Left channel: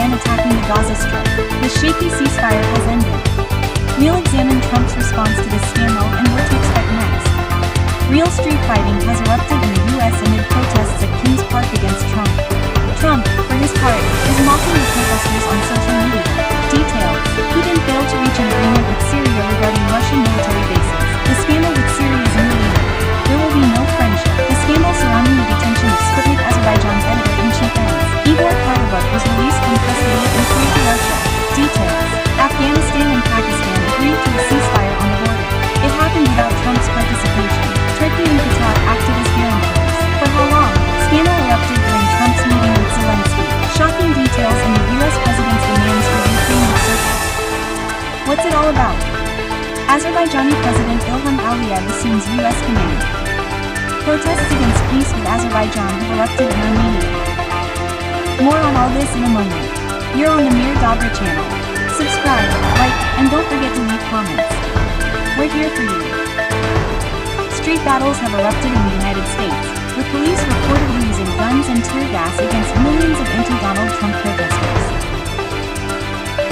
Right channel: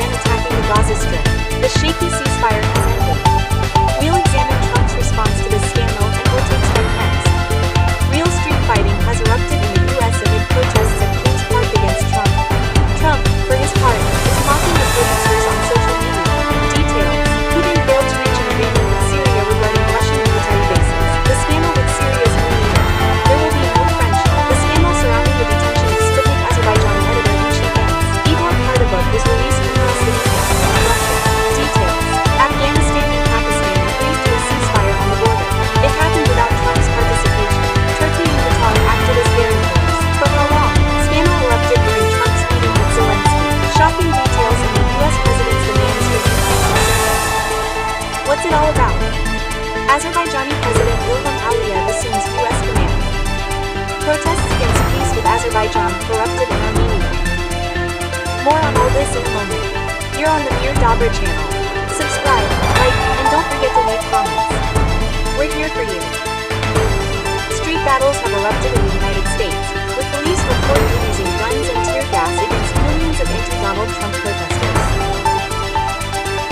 began attacking the Gaza Strip. The shaky ceasefire has ended. We'll examine Trump's response to this scandal and what to expect next. Real street fighting has erupted in the U.S. amid protests at Kings Park against Trump. Trump, for his part, is mocking the protesters on social media. Details: Putin failed to reach an agreement with Syria regarding Russian military bases. The scandal with Syria's new leader. There will be no friendship. The scandal surrounding the detention of Sputnik Azerbaijan editor-in-chief Igor Kardabov was released from custody and flew to Russia. Details: Afghanistan and Pakistan agreed to a ceasefire on the border. It happened without Trump's participation. Turkey and Qatar acted as guarantors. For how long? Scandal erupted during Trump's meeting with Zelensky. Shocking details in the U.S. president's demands for Ukraine have surfaced. What's it all about? Azerbaijani President Ilham Aliyev assumes U.S. command. Protests against peace with Azerbaijan have erupted in Armenia. More on all this in a moment. You're on the Mir Dobra channel. Subscribe, like, and don't forget to leave comments. We're here for you. Street battles have erupted in the United States, with police reportedly using guns and tear gas against millions of anti-Donald Trump protesters.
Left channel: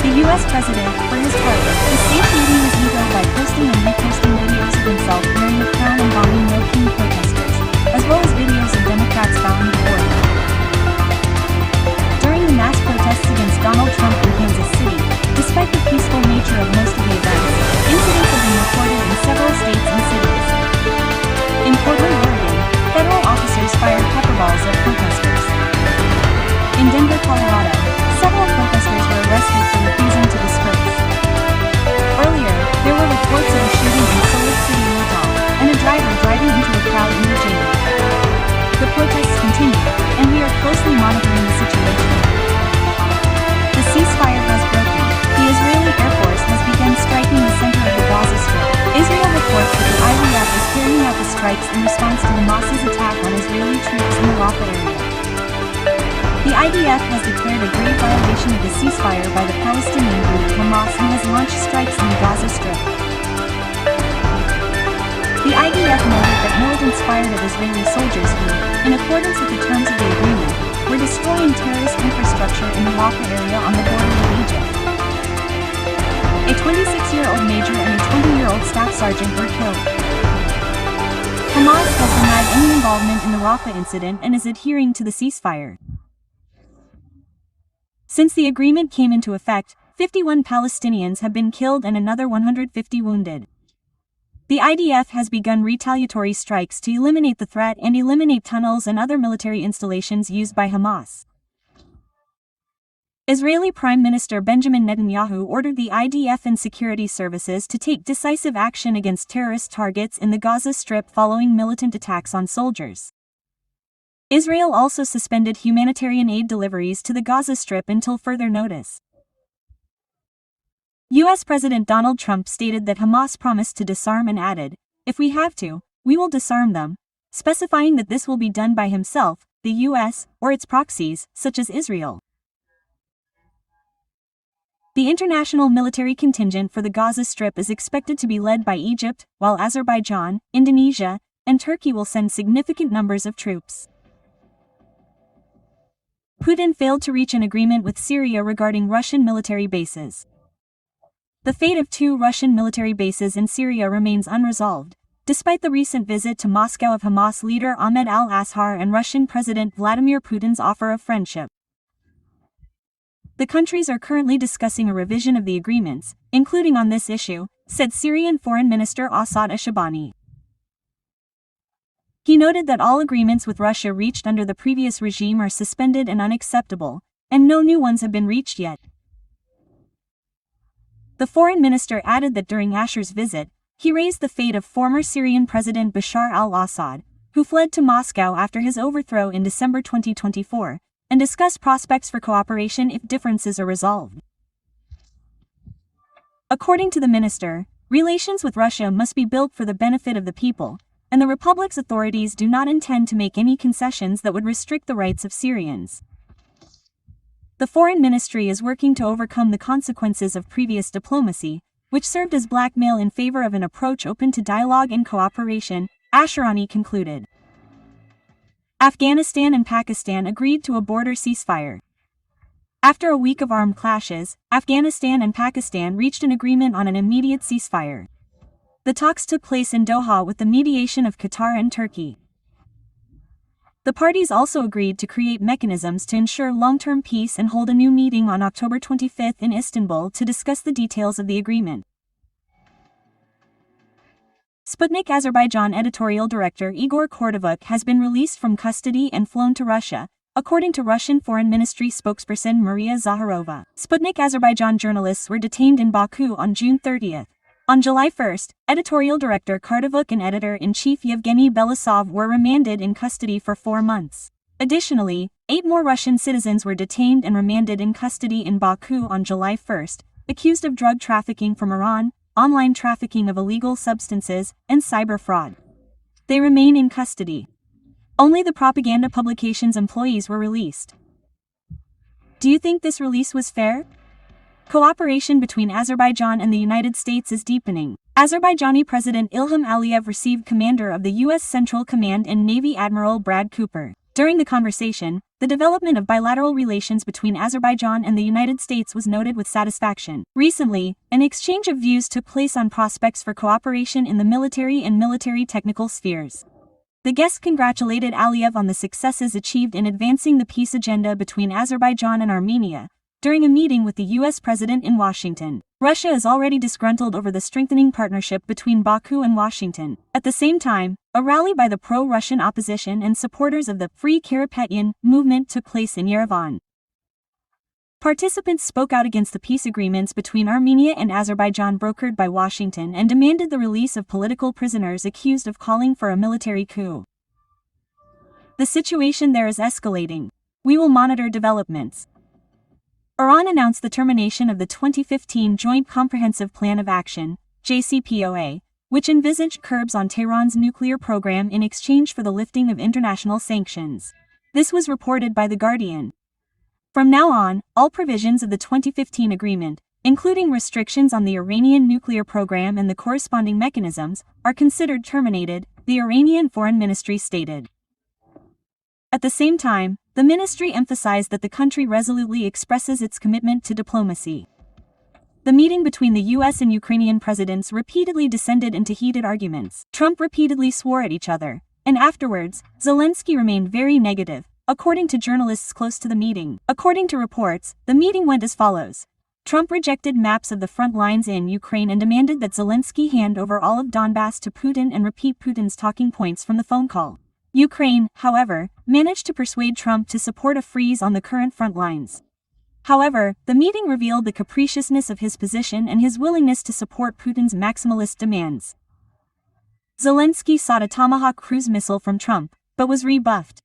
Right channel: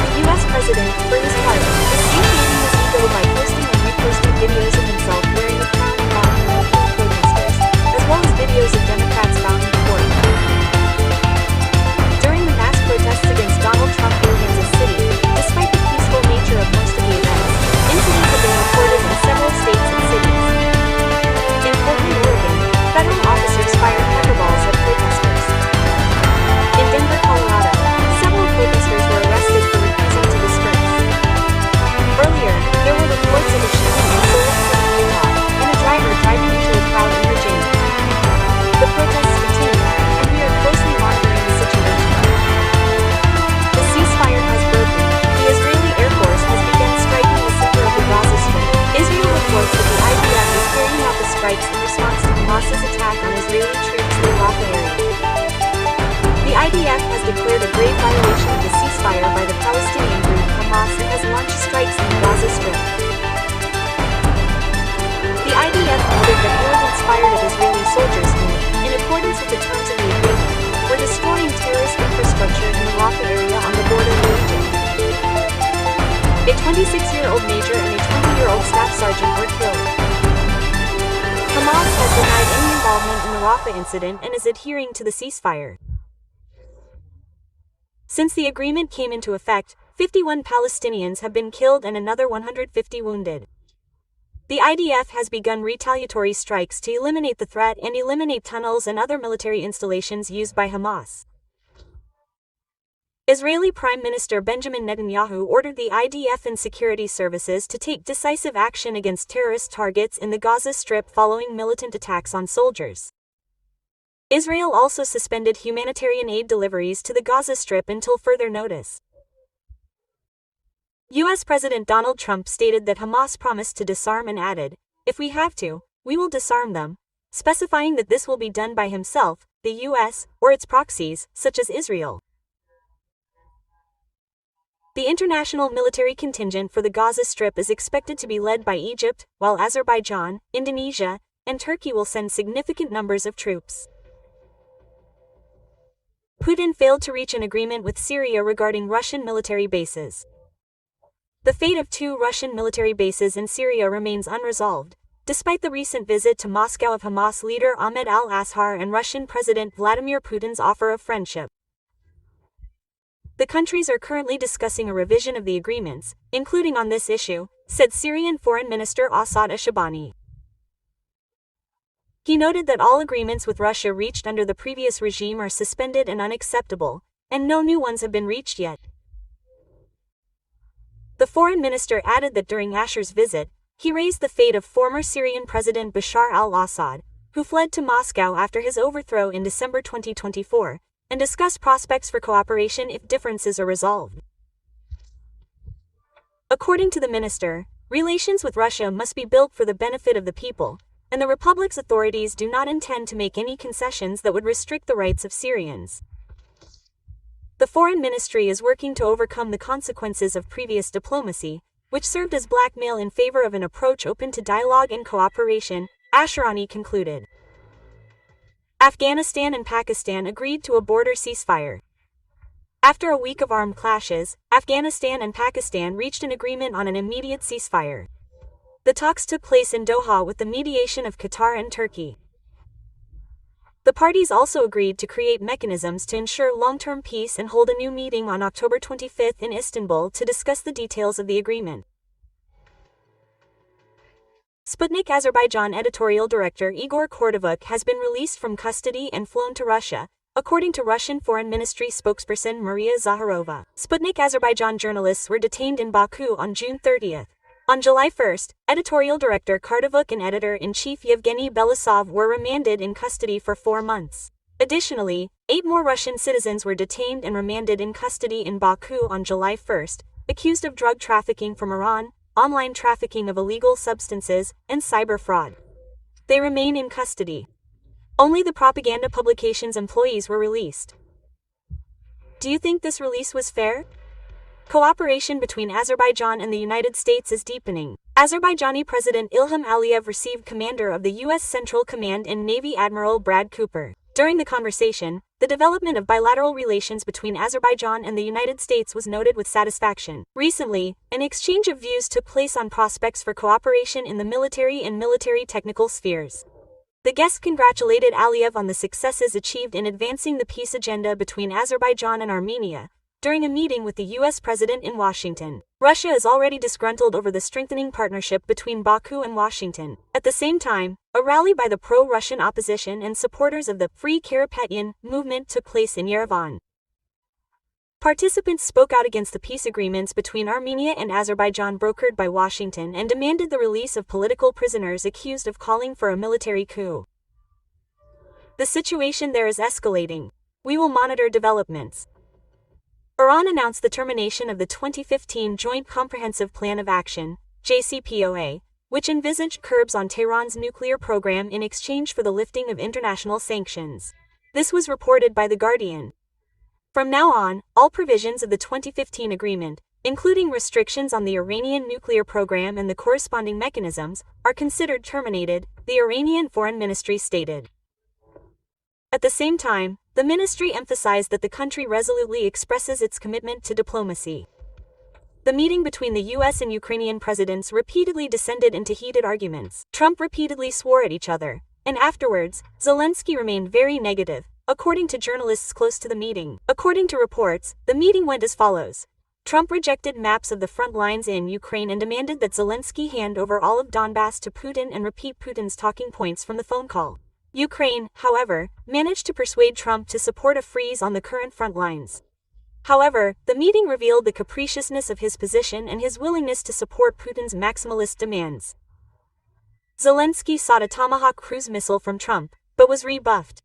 The U.S. president, for his part, is satiating his ego by posting and reposting videos of himself wearing the crown and bombing no-king protesters, as well as videos of Democrats bowing before him. During the mass protests against Donald Trump in Kansas City, despite the peaceful nature of most of the events, incidents have been reported in several states and cities. In Portland, Oregon, federal officers fired pepper balls at protesters. In Denver, Colorado, several protesters were arrested for refusing to disperse. Earlier, there were reports of a shooting in Salt Lake City, Utah, and a driver driving into a crowd in Virginia. The protests continue, and we are closely monitoring the situation. The ceasefire has broken. The Israeli Air Force has begun striking the center of the Gaza Strip. Israel reports that the IDF is carrying out the strikes in response to Hamas's attack on Israeli troops in the Rafah area. The IDF has declared a grave violation of the ceasefire by the Palestinian group Hamas and has launched strikes in the Gaza Strip. The IDF noted that militants fired at Israeli soldiers who, in accordance with the terms of the agreement, were destroying terrorist infrastructure in the Rafah area on the border with Egypt. A 26-year-old major and a 20-year-old staff sergeant were killed. Hamas has denied any involvement in the Rafah incident and is adhering to the ceasefire. Since the agreement came into effect, 51 Palestinians have been killed and another 150 wounded. The IDF has begun retaliatory strikes to eliminate the threat and eliminate tunnels and other military installations used by Hamas. Israeli Prime Minister Benjamin Netanyahu ordered the IDF and security services to take decisive action against terrorist targets in the Gaza Strip following militant attacks on soldiers. Israel also suspended humanitarian aid deliveries to the Gaza Strip until further notice. U.S. President Donald Trump stated that Hamas promised to disarm and added, "If we have to, we will disarm them," specifying that this will be done by himself, the U.S., or its proxies, such as Israel. The international military contingent for the Gaza Strip is expected to be led by Egypt, while Azerbaijan, Indonesia, and Turkey will send significant numbers of troops. Putin failed to reach an agreement with Syria regarding Russian military bases. The fate of 2 Russian military bases in Syria remains unresolved, despite the recent visit to Moscow of Hamas leader Ahmed al-Ashar and Russian President Vladimir Putin's offer of friendship. The countries are currently discussing a revision of the agreements, including on this issue, said Syrian Foreign Minister Assad Ashabani. He noted that all agreements with Russia reached under the previous regime are suspended and unacceptable, and no new ones have been reached yet. The foreign minister added that during Ashar's visit, he raised the fate of former Syrian President Bashar al-Assad, who fled to Moscow after his overthrow in December 2024, and discussed prospects for cooperation if differences are resolved. According to the minister, relations with Russia must be built for the benefit of the people, and the republic's authorities do not intend to make any concessions that would restrict the rights of Syrians. The foreign ministry is working to overcome the consequences of previous diplomacy, which served as blackmail in favor of an approach open to dialogue and cooperation, Asharani concluded. Afghanistan and Pakistan agreed to a border ceasefire. After a week of armed clashes, Afghanistan and Pakistan reached an agreement on an immediate ceasefire. The talks took place in Doha with the mediation of Qatar and Turkey. The parties also agreed to create mechanisms to ensure long-term peace and hold a new meeting on October 25 in Istanbul to discuss the details of the agreement. Sputnik Azerbaijan editorial director Igor Kordovuk has been released from custody and flown to Russia, according to Russian Foreign Ministry spokesperson Maria Zakharova. Sputnik Azerbaijan journalists were detained in Baku on June 30. On July 1, editorial director Kordovuk and editor-in-chief Yevgeny Belousov were remanded in custody for 4 months. Additionally, 8 more Russian citizens were detained and remanded in custody in Baku on July 1, accused of drug trafficking from Iran, online trafficking of illegal substances, and cyber fraud. They remain in custody. Only the propaganda publication's employees were released. Do you think this release was fair? Cooperation between Azerbaijan and the United States is deepening. Azerbaijani President Ilham Aliyev received commander of the U.S. Central Command and Navy Admiral Brad Cooper. During the conversation, the development of bilateral relations between Azerbaijan and the United States was noted with satisfaction. Recently, an exchange of views took place on prospects for cooperation in the military and military technical spheres. The guest congratulated Aliyev on the successes achieved in advancing the peace agenda between Azerbaijan and Armenia, during a meeting with the U.S. President in Washington. Russia is already disgruntled over the strengthening partnership between Baku and Washington. At the same time, a rally by the pro-Russian opposition and supporters of the Free Karapetyan movement took place in Yerevan. Participants spoke out against the peace agreements between Armenia and Azerbaijan brokered by Washington and demanded the release of political prisoners accused of calling for a military coup. The situation there is escalating. We will monitor developments. Iran announced the termination of the 2015 Joint Comprehensive Plan of Action, JCPOA, which envisaged curbs on Tehran's nuclear program in exchange for the lifting of international sanctions. This was reported by The Guardian. From now on, all provisions of the 2015 agreement, including restrictions on the Iranian nuclear program and the corresponding mechanisms, are considered terminated, the Iranian Foreign Ministry stated. At the same time, the ministry emphasized that the country resolutely expresses its commitment to diplomacy. The meeting between the U.S. and Ukrainian presidents repeatedly descended into heated arguments. Trump repeatedly swore at each other, and afterwards, Zelensky remained very negative, according to journalists close to the meeting. According to reports, the meeting went as follows. Trump rejected maps of the front lines in Ukraine and demanded that Zelensky hand over all of Donbass to Putin and repeat Putin's talking points from the phone call. Ukraine, however, managed to persuade Trump to support a freeze on the current front lines. However, the meeting revealed the capriciousness of his position and his willingness to support Putin's maximalist demands. Zelensky sought a Tomahawk cruise missile from Trump, but was rebuffed.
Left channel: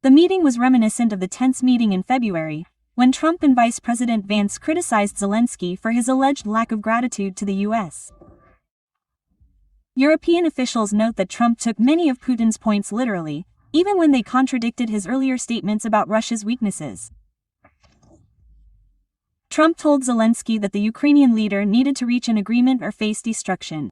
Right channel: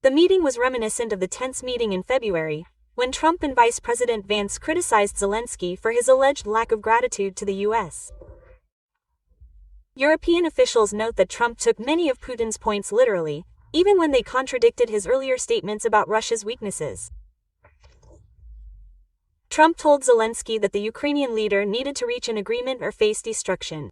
The meeting was reminiscent of the tense meeting in February, when Trump and Vice President Vance criticized Zelensky for his alleged lack of gratitude to the U.S. European officials note that Trump took many of Putin's points literally, even when they contradicted his earlier statements about Russia's weaknesses. Trump told Zelensky that the Ukrainian leader needed to reach an agreement or face destruction.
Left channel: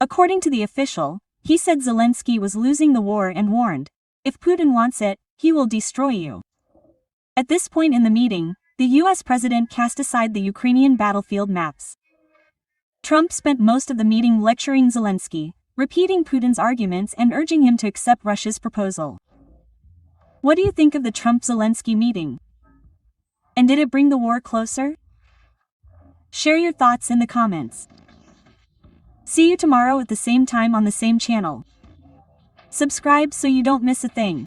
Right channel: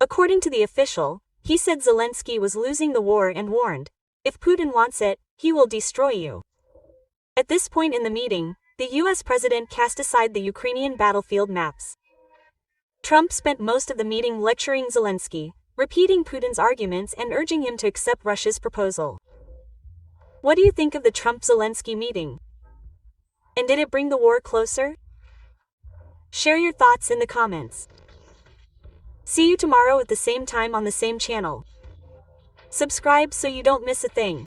According to the official, he said Zelensky was losing the war and warned, "If Putin wants it, he will destroy you." At this point in the meeting, the U.S. president cast aside the Ukrainian battlefield maps. Trump spent most of the meeting lecturing Zelensky, repeating Putin's arguments and urging him to accept Russia's proposal. What do you think of the Trump-Zelensky meeting? And did it bring the war closer? Share your thoughts in the comments. See you tomorrow at the same time on the same channel. Subscribe so you don't miss a thing.